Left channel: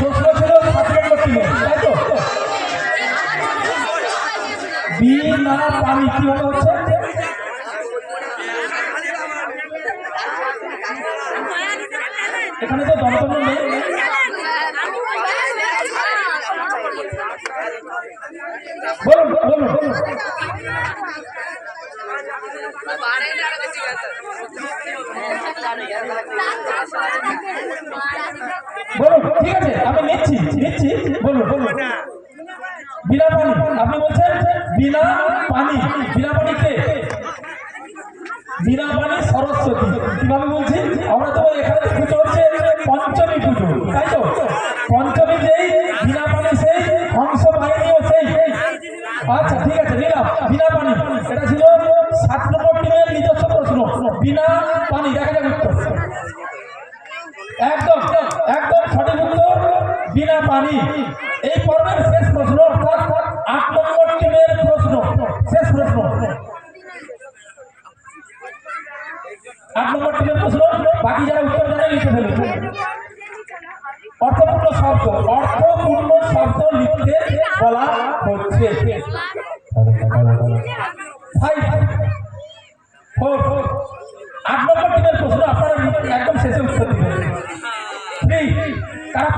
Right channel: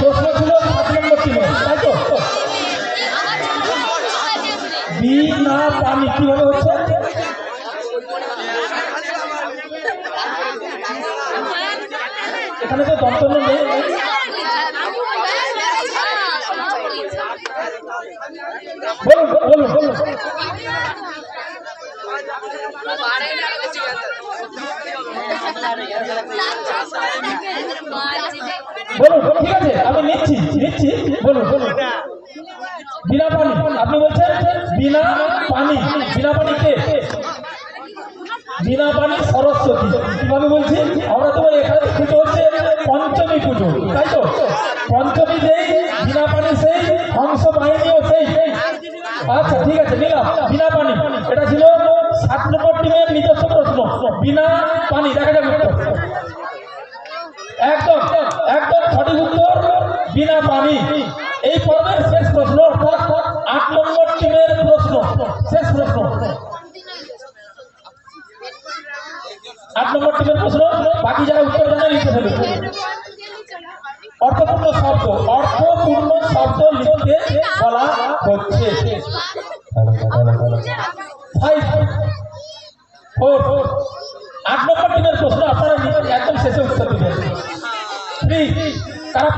প্রশ্ন ছিল 7 নম্বর টিমে, তাই তো? বিনা পানি কিভাবে হচ্ছে? এখানে তো যন্ত্রণা নেই। বলুন বলুন বলুন। বলুন, ঠিক আছে, আমি নিচ্ছি নিচ্ছি। বলুন বলুন। বিনা পানি, আপনি বলছেন বিনা পানি। বিনা পানিতে বিনা পানি সরস্বতী। কিভাবে বলছি? আমরা তো এখানে পুজো হচ্ছে পঞ্চমী পুজো, তাই তো? পঞ্চমী যেই, বিনা পানি সেই, হংস বাহিনীও সেই। আচ্ছা ঠিক আছে, নিলাম বিনা পানি। এটা ছিল 7 নম্বর টিমের নিজস্ব প্রশ্ন। বিনা পানি, দেখা যাবে উত্তর। একদম একদম সঠিক উত্তর, বিনা পানি। এই পর্বের শেষ প্রশ্ন, অর্থাৎ 8 নম্বর টিমের প্রশ্ন, শেষ প্রশ্ন। 8 নম্বর টিমের প্রশ্ন, বাকি যারা উত্তর জানে লিখে ফেলুন। অর্থপূর্ণ শব্দ, অর্থপূর্ণ শব্দ লিখতে বলা হচ্ছে। 5 4 8 নম্বর টিমের প্রশ্ন আপনারা একদম শেষে উত্তর দিবেন। 3 কারা